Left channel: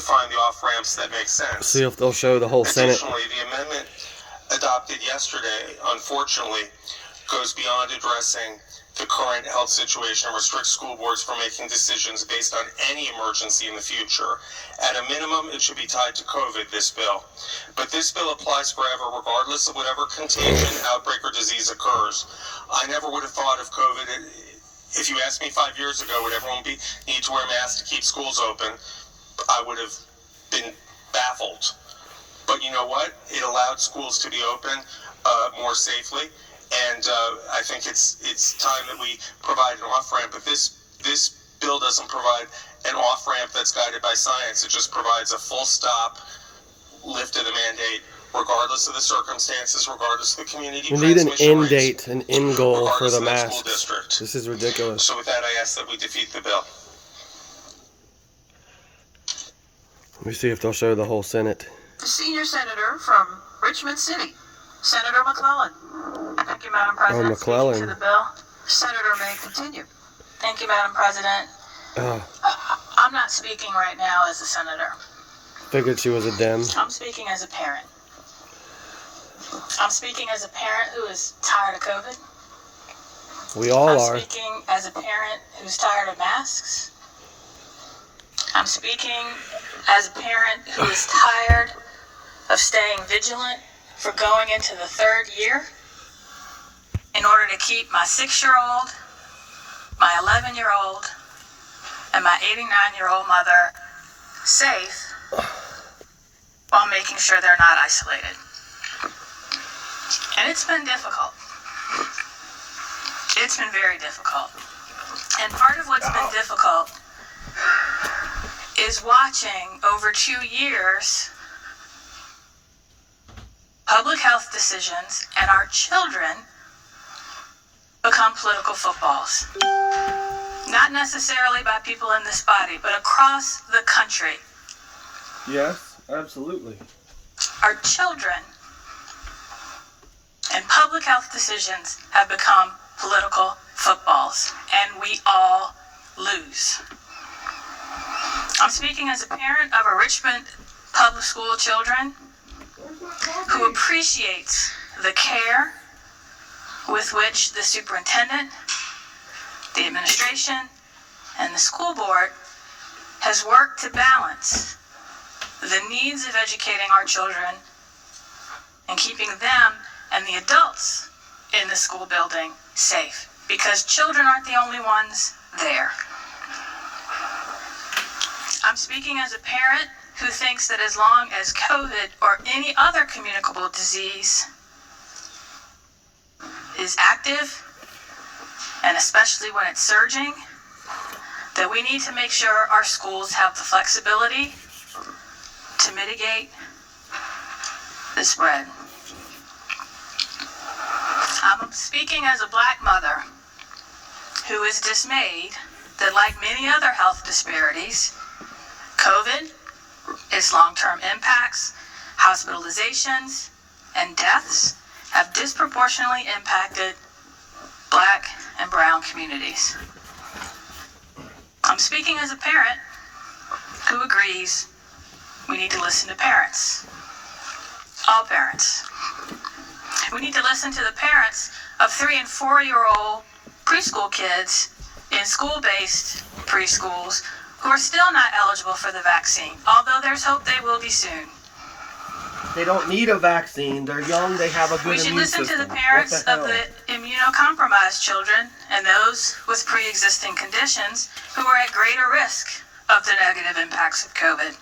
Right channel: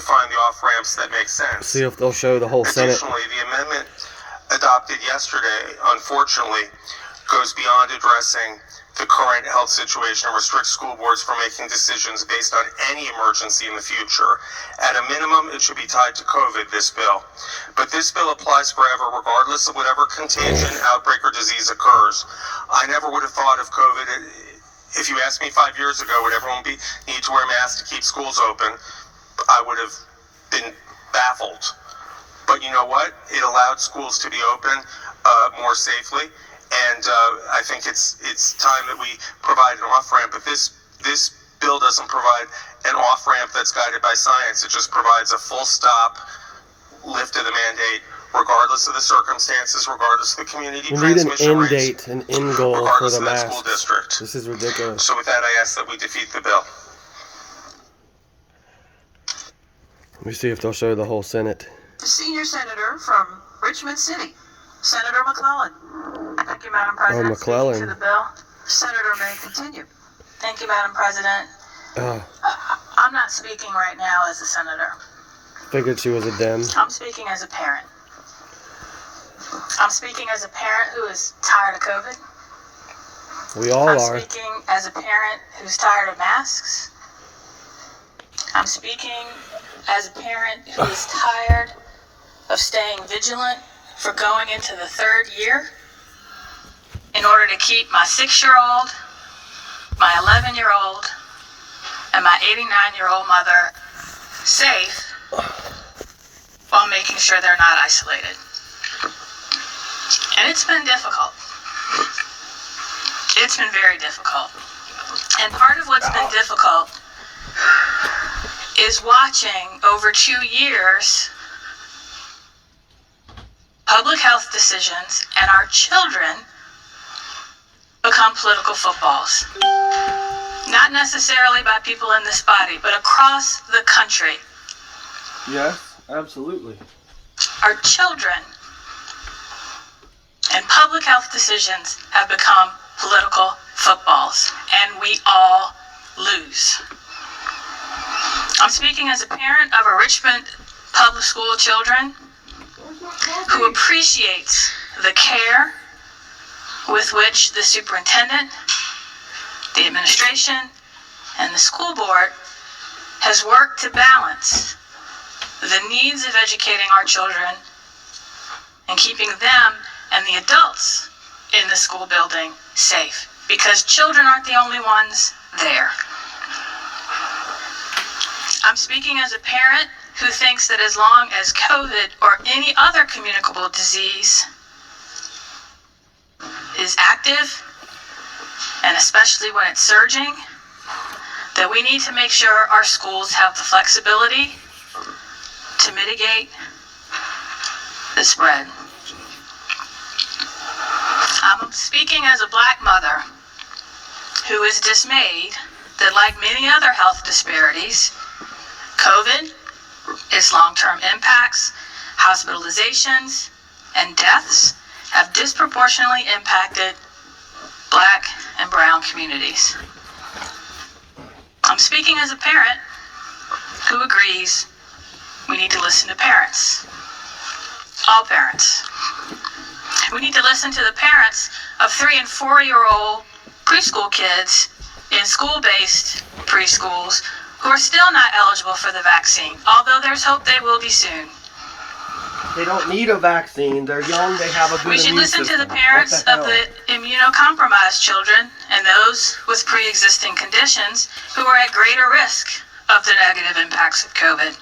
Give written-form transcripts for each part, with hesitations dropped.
define the off-ramps that make sense. See if they'll show the whole Senate. Additionally, the amendment adopted yesterday, unfortunately, goes beyond addressing the current health situation and restricts school boards from making decisions based on any emergency in the future. At a minimum, it should be tied to COVID, this bill. But this bill applies forever, regardless of whatever contagion, outbreak, or disease occurs. I never would have thought of COVID. If you asked me 5 years ago, would everyone need to wear masks to keep schools open, I would have been baffled. But you know what? It allowed schools to be open more safely. And I think it's time that we provide an off-ramp. But this bill doesn't provide an off-ramp that's guided by science. It just provides a full stop lift of the mandate, regardless of the circumstances, regardless of the community We need an transmission end rates, date, an end goal for regardless the of that school masks. district. This is ridiculous. So with that, I ask that we defeat the bill. Let me see if they'll show the whole Senate. The senior senator from Richmond City, Senator McClellan. Thank you, Madam President. McClellan. Speaking to the bill, Senator may continue. Thank you, Madam President. I'm not speaking right now as a senator. Figured she was a Dem. I'm speaking as a parent. I'm speaking as a parent who is tired of COVID. We all are. I'm speaking as a parent who's tired of masks. I'm speaking as a parent who is tired of staying vigilant for going into the third year in order to keep my 6-year-old, my 11-year-old, and my 89-year-old mother safe while making sure they're not isolated. And it's been difficult. It's been very difficult. And part of what's been difficult is watching over 2 years public health decisions and our children become political footballs. Not necessarily by people in this body, but across the country. Yes, absolutely. Our children and public health decisions have become political footballs, and we all lose. I'm speaking as a parent of a Richmond public school children who appreciates the care with which the superintendent, the administration, and the school board has worked to balance the needs of educating our children and keeping them and the adults in the school building safe, because children aren't the only ones there. I'm speaking as a parent who thinks that as long as COVID or any other communicable disease is active, and especially when it's surging, that we need to make sure our schools have the flexibility to mitigate the spread. I'm speaking as a Black mother who is dismayed that, like many other health disparities, COVID, its long-term impacts, hospitalizations, and deaths have disproportionately impacted Black and brown communities. I'm speaking as a parent who agrees we need to listen to parents. All parents. We need to listen to the parents of 3- and 4-year-old preschool kids in school-based preschools who are still not eligible for the vaccine, although there's hope they will be soon. They don't need a vaccine. They're young. They have a good We should immune listen system. to the parents of the immunocompromised children and those with pre-existing conditions who are at greater risk of the negative impacts of COVID.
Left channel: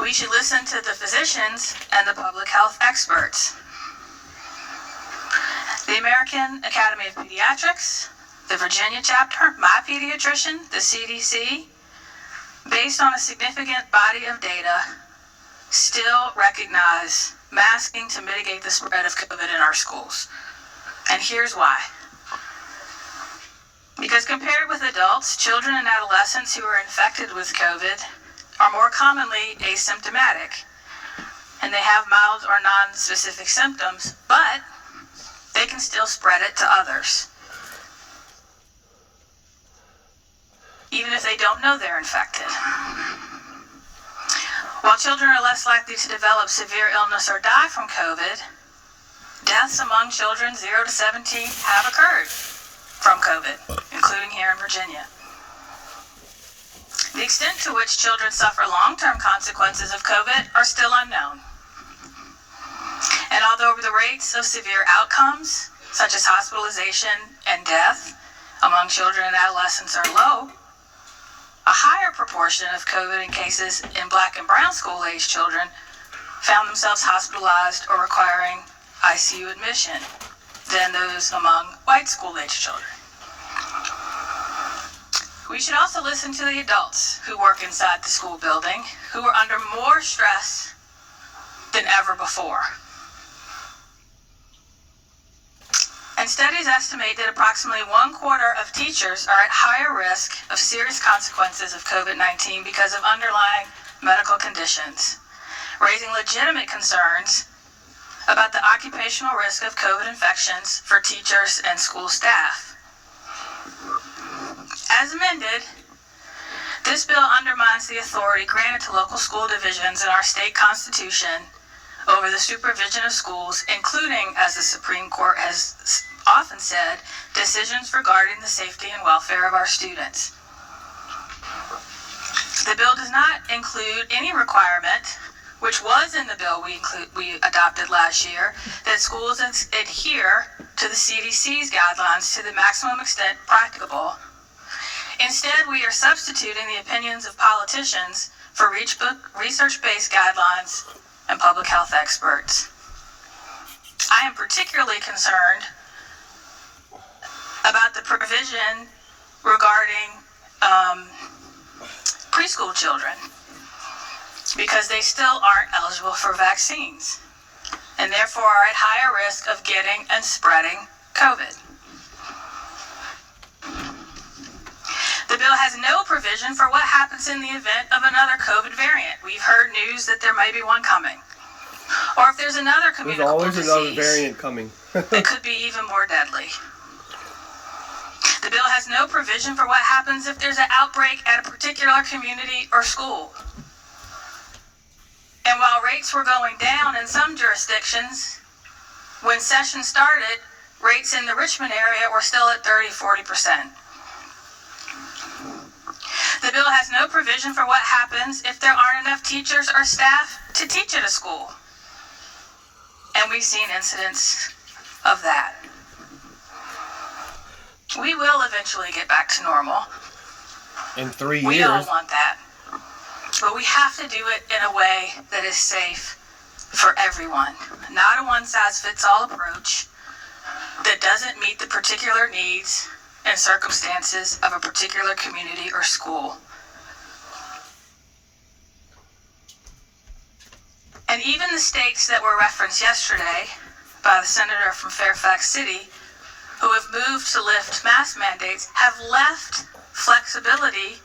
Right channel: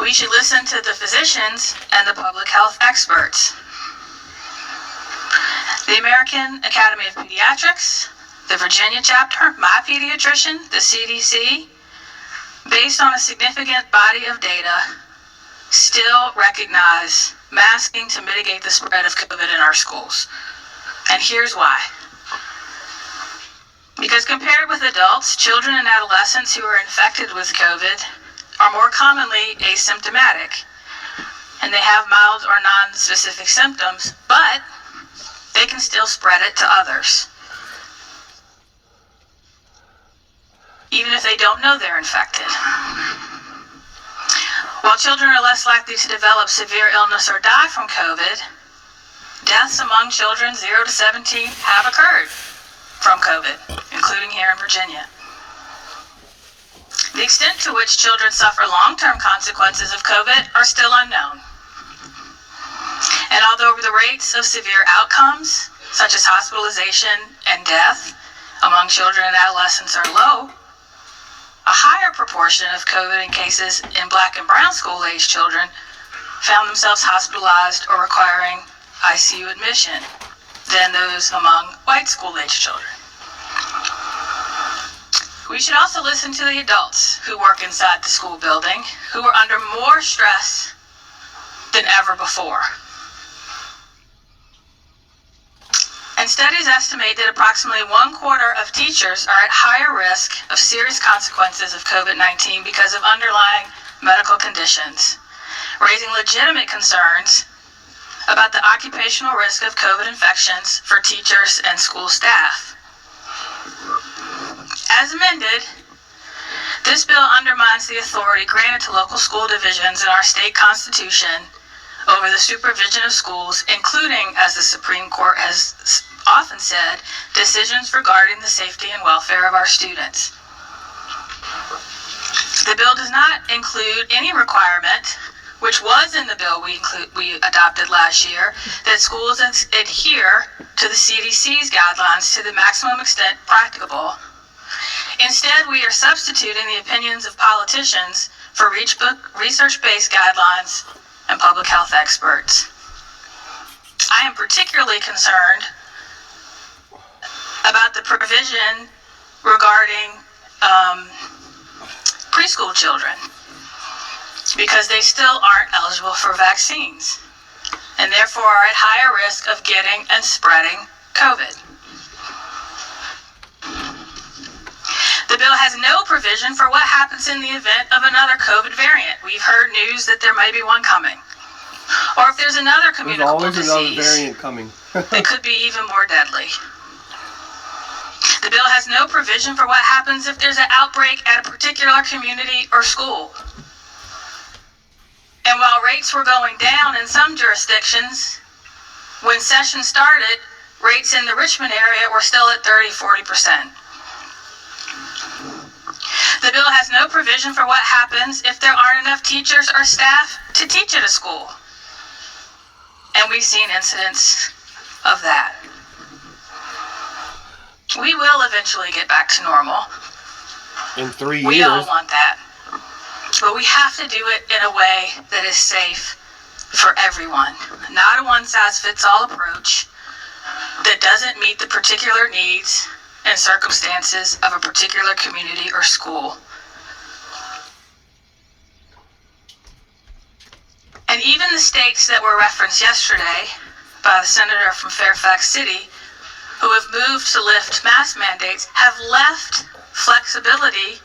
We should listen to the physicians and the public health experts. The American Academy of Pediatrics, the Virginia chapter, my pediatrician, the CDC, based on a significant body of data, still recognize masking to mitigate the spread of COVID in our schools. And here's why. Because compared with adults, children and adolescents who are infected with COVID are more commonly asymptomatic, and they have mild or non-specific symptoms, but they can still spread it to others, even if they don't know they're infected. While children are less likely to develop severe illness or die from COVID, deaths among children 0 to 17 have occurred from COVID, including here in Virginia. The extent to which children suffer long-term consequences of COVID are still unknown. And although the rates of severe outcomes, such as hospitalization and death among children and adolescents are low, a higher proportion of COVID cases in Black and brown school-age children found themselves hospitalized or requiring ICU admission than those among white school-age children. We should also listen to the adults who work inside the school building, who are under more stress than ever before. And studies estimate that approximately 1/4 of teachers are at higher risk of serious consequences of COVID-19 because of underlying medical conditions, raising legitimate concerns about the occupational risk of COVID infections for teachers and school staff. As amended, this bill undermines the authority granted to local school divisions in our state constitution over the supervision of schools, including, as the Supreme Court has often said, decisions regarding the safety and welfare of our students. The bill does not include any requirement, which was in the bill we adopted last year, that schools adhere to the CDC's guidelines to the maximum extent practicable. Instead, we are substituting the opinions of politicians for research-based guidelines and public health experts. I am particularly concerned about the provision regarding preschool children, because they still aren't eligible for vaccines and therefore are at higher risk of getting and spreading COVID. The bill has no provision for what happens in the event of another COVID variant. We've heard news that there may be one coming. Or if there's another There's communicable always disease, another variant coming. it could be even more deadly. The bill has no provision for what happens if there's an outbreak at a particular community or school. And while rates were going down in some jurisdictions, when session started, rates in the Richmond area were still at 30-40%. The bill has no provision for what happens if there aren't enough teachers or staff to teach at a school. And we've seen incidents of that. We will eventually get back to normal. In 3 We all years. want that. But we have to do it in a way that is safe for everyone. Not a one-size-fits-all approach that doesn't meet the particular needs and circumstances of a particular community or school. And even the states that were referenced yesterday by the senator from Fairfax City, who have moved to lift mask mandates, have left flexibility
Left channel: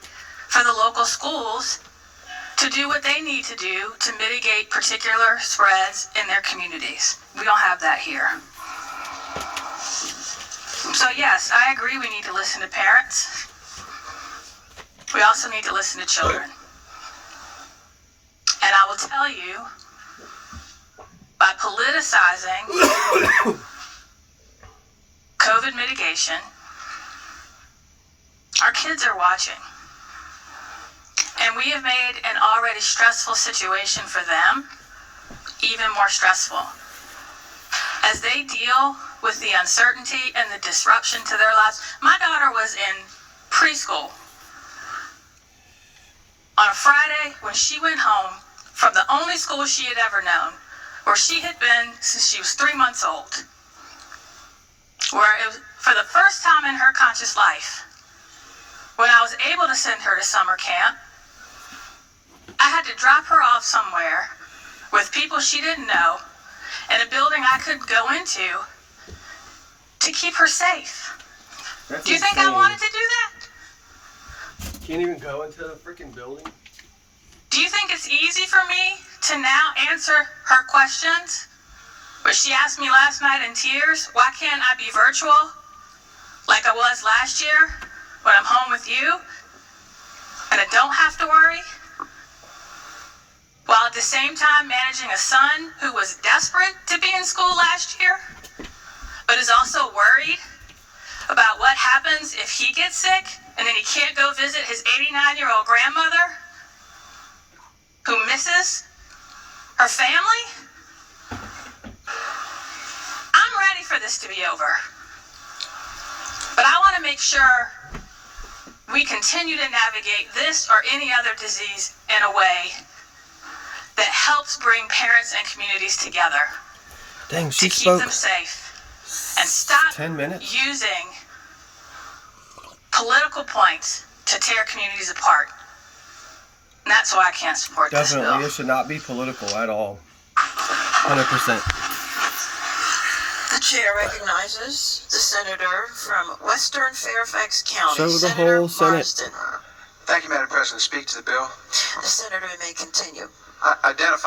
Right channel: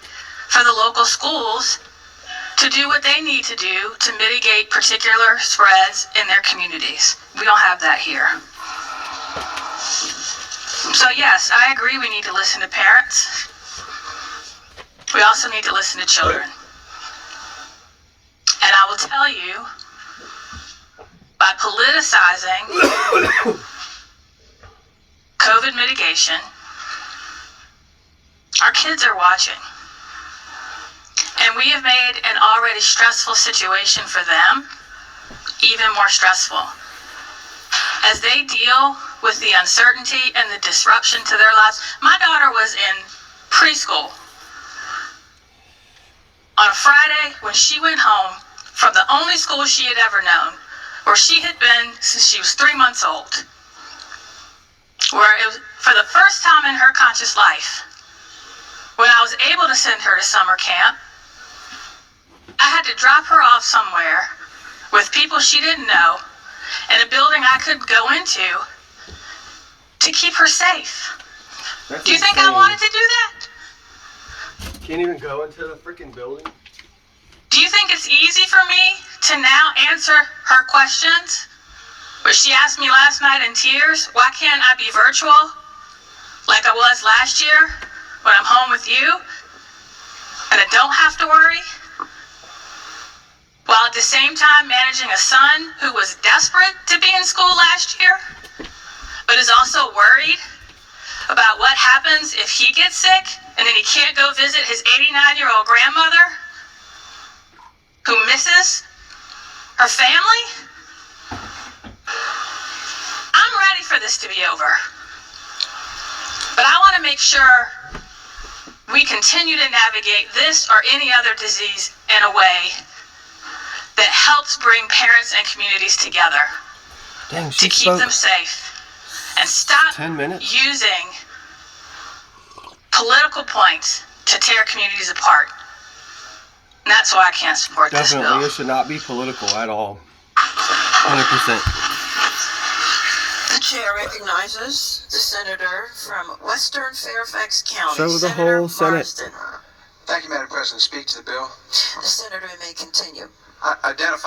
for the local schools to do what they need to do to mitigate particular spreads in their communities. We don't have that here. So yes, I agree we need to listen to parents. We also need to listen to children. And I will tell you, by politicizing COVID mitigation, our kids are watching. And we have made an already stressful situation for them even more stressful. As they deal with the uncertainty and the disruption to their lives. My daughter was in preschool on a Friday when she went home from the only school she had ever known, where she had been since she was 3 months old, where it was for the first time in her conscious life, when I was able to send her to summer camp, I had to drop her off somewhere with people she didn't know in a building I could go into to keep her safe. That's Do you think insane. I wanted to do that? Can't even go into the freaking building. Do you think it's easy for me to now answer her questions? But she asked me last night in tears, why can't I be virtual like I was last year when I'm home with you and I don't have to worry? Well, the same time managing a son who was desperate to be in school last year, but is also worried about what happens if he gets sick and then he can't go visit his 89-year-old grandmother who misses her family? I'm ready for this to be over. But I want to make sure we continue to navigate this or any other disease in a way that helps bring parents and communities together Dang, to she keep spoke them safe and stop 10 minutes. using political points to tear communities apart. And that's why I can't support this Definitely, bill. it should not be political at all. 100%. The chair recognizes the senator from Western Fairfax County. Show the Senator whole Senate. Marsden. Thank you, Madam President. Speak to the bill. The senator may continue. Identify.